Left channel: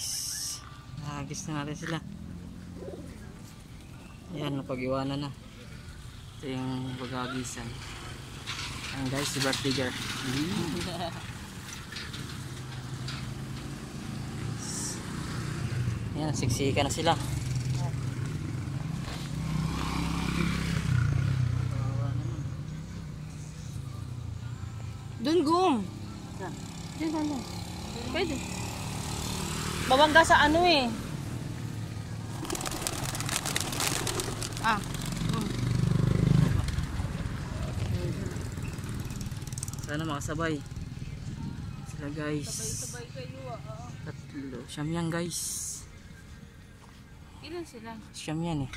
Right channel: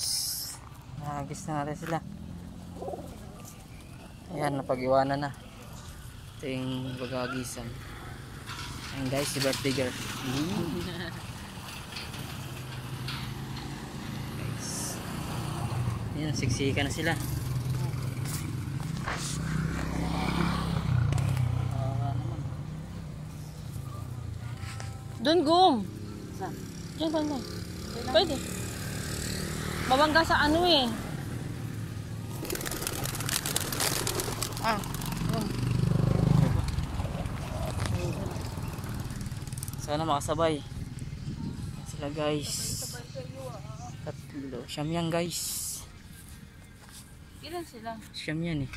guys, nahagis na natin sila. Ayan, napag-iwanan na. Ito yung bagagisan. Ayan guys, si birthday girl. Ayan, siksika na sila. Doon gum. Diyan ba na? Pwede. Babangga sa ano eh. Sana makasabay sila guys. Tatlo. Siyam yan guys. Ilan sila? Siyam yan eh.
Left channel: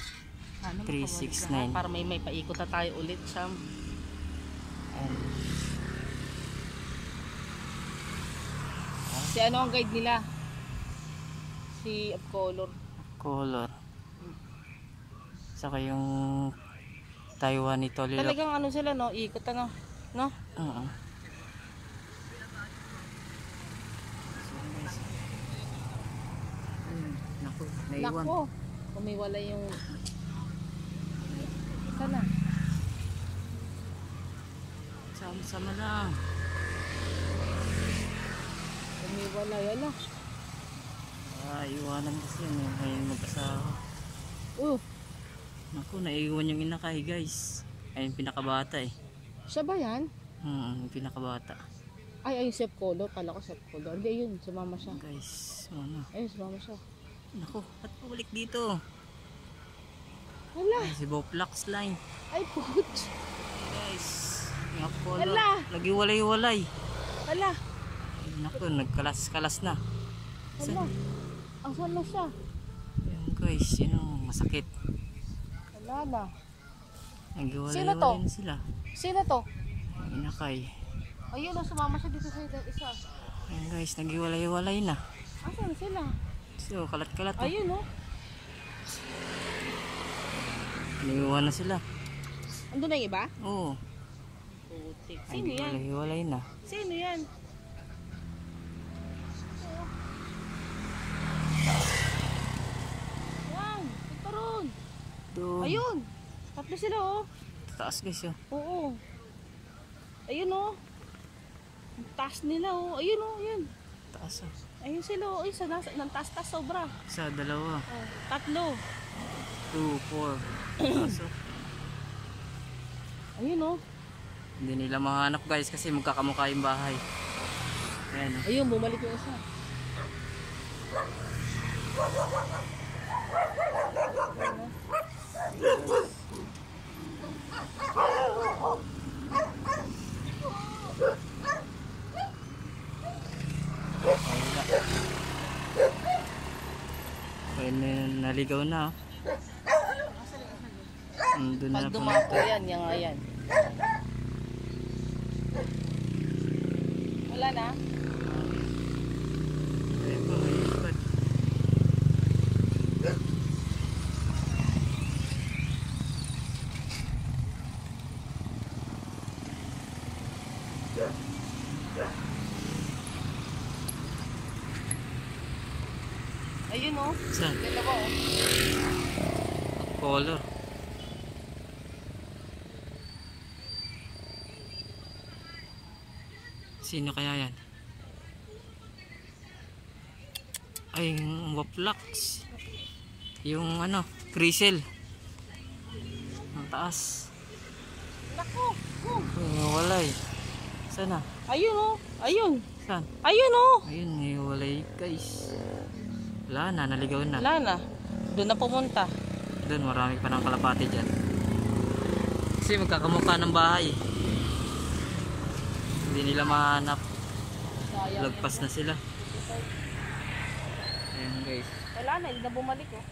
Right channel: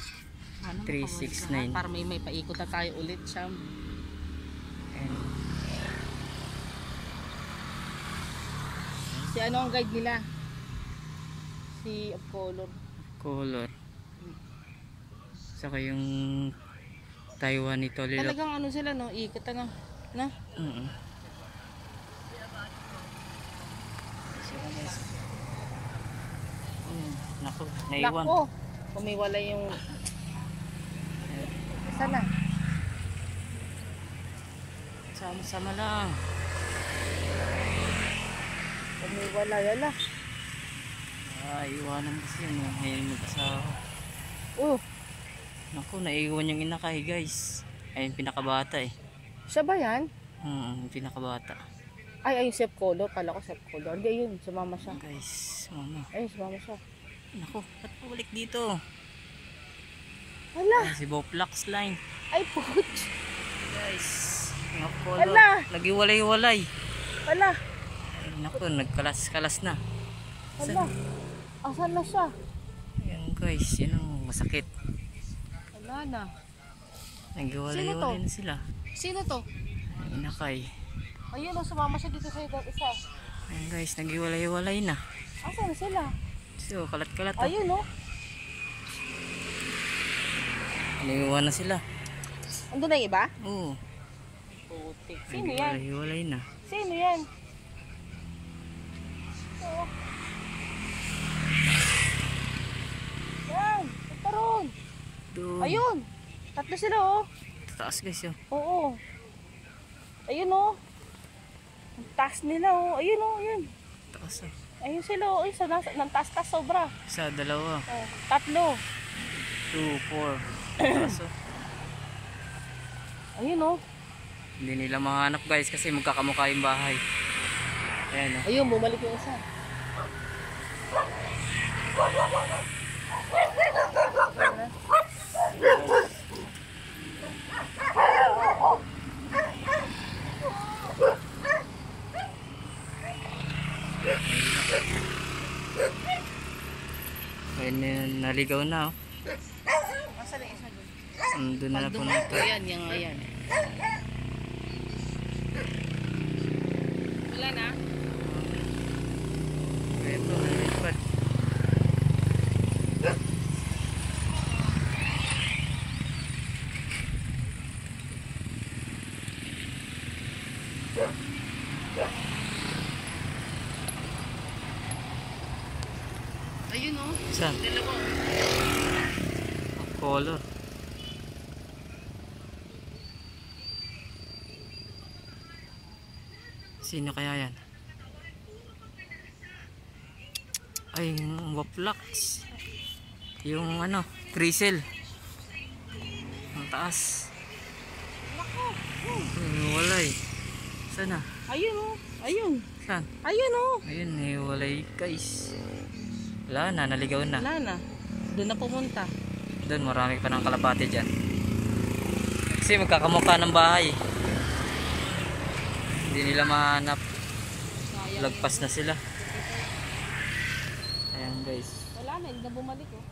3, 6, 9. Para may paikot na tayo ulit, Sam. Si ano ang guide nila? Si Color. Color. Saka yung Taiwan nito. Talagang ano sila no? Ikot ano? No? Naku, naiwan. Naku, umiwala yung... Sana? Sama-sama lang. Umiwala, yala. Iwanan kasi yun. Ngayon mag-asawa. Naku, naiwan yung inakay guys. Ayun, pinakabata eh. Siya ba yan? Yung pinakabata. Ay, Chef Color. Kala ko Chef Color. Hindi, yun. Sumama siya. Guys, mama. Ay, sumama siya. Naku, ba't pabalik dito? Hala. Ay, si Boplax line. Ay, pugot. Guys, yung Color. Hala. Nag-iwalay-walay. Hala. Ay, naku, nagkalas-kalas na. Hala. Asan na siya? Ayan guys, yun ang masakit. Wala na. Nag-iwalay-walay na sila. Sino to? Ang inakay. Ayun o, sumama siya dito sa isa. Ayan guys, nag-iwalay-walay na. Asan sila? So, kalat-kalat oh. Ayun o. Iniwan na sila. Andun na yung iba? Oo. Putik. Sino yan? Nag-iwalay na. Sino yan? Oh. Yan, ito ron. Doon. Ayun. Tatlo sila oh. Taas guys yun. Oo. Ayun oh. Ang taas nila oh. Ayun oh, ayun. Taas oh. Ayun sila oh. Ayun, nang taas-taas sobra. Isa, dalawa. Oh, tatlo. 2, 4. Taas oh. Ayun oh. Hindi nila mahanap guys kasi magkakamukha yung bahay. Ayan oh. Ayun, bumalik yung isa. Ayun, naligaw na oh. Asan yung isa doon? Doon na Pag dumapo pumunta. yan, yung ayan. Wala na? Ito, malilipad. Ayun oh. Saan? Dalawa oh. Color. Sino kaya yan? Ay, yung Boplax. Yung ano, Grisel. Ang taas. Walay. Sana? Ayun oh. Ayun. Saan? Ayun oh. Ayun, walay guys. Wala na, naligaw na. Wala na. Doon na pumunta. Doon, marami pa ng kalapati dyan. Kasi magkakamukha ng bahay. Hindi nila mahanap. Lagpas na sila. Ayan guys. Wala na, hindi na bumalik oh.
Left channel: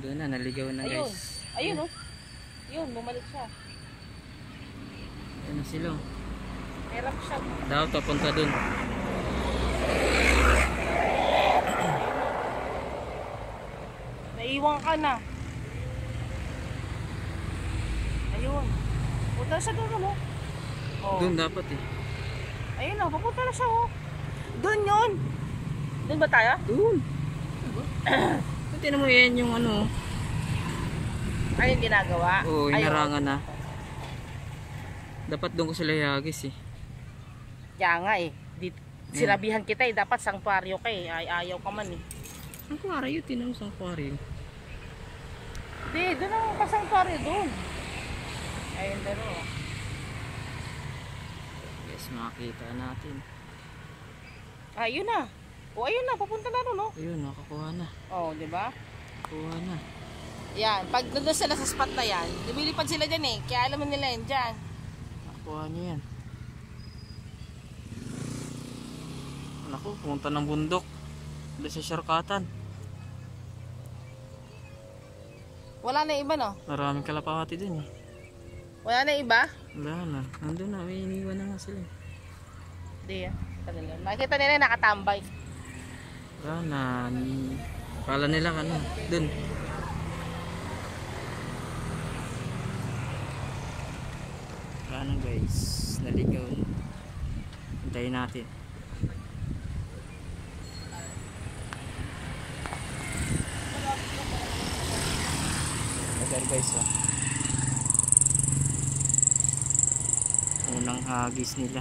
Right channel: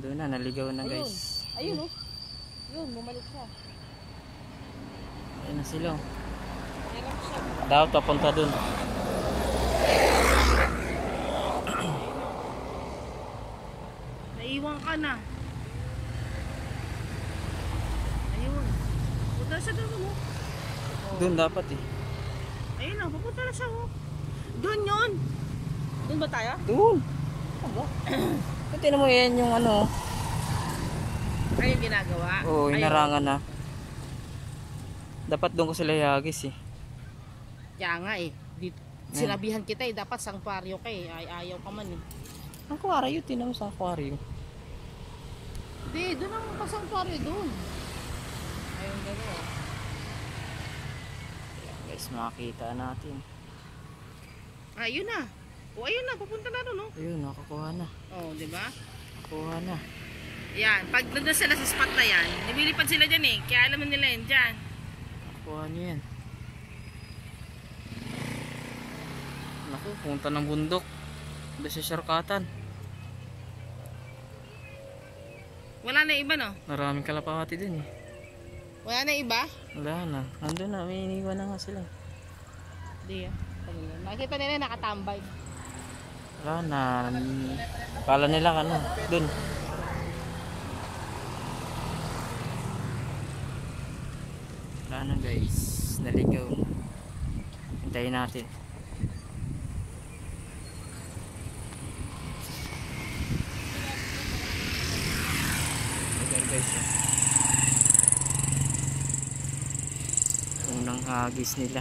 Doon na, naligaw na guys. Ayun oh. Yun, bumalik siya. Ayan na sila. Hirap siya. Dapat papunta doon. Naiwan ka na. Ayun. Punta siya doon oh. Oh. Doon dapat eh. Ayun oh, papunta na siya oh. Doon yun. Doon ba tayo? Doon. Aba. Buti mo yan yung ano. Ano yung ginagawa? Oo, Ayun. inarangan na. Dapat doon ko sila ihagis eh. Kaya nga eh. Sinabihan kita eh, dapat sanctuaryo ka eh. Ay, ayaw ka man eh. Ang aquaryo, tinam sa aquaryo. Hindi, doon ang pasangtuaryo doon. Ayun doon oh. Guys, makakita natin. Ayun na. O ayun na, papunta na doon oh. Ayun, nakakuha na. Oh, di ba? Nakakuha na. Yan, pag nandun sila sa spot na yan, lumilipad sila dyan eh. Kaya alam nila yan dyan. Nakakuha niya yan. Naku, pumunta ng bundok. Doon sa Sharkatan. Wala na iba no? Maraming kalapati din eh. Wala na iba? Wala na. Nandun na, may iniwan na nga sila eh. Hindi yan. Makikita nila yung nakatambay. Wala na. Kala nila ano, dun. Wala na guys. Naligaw na. Hintayin natin. Ayan guys. Unang hagis nila.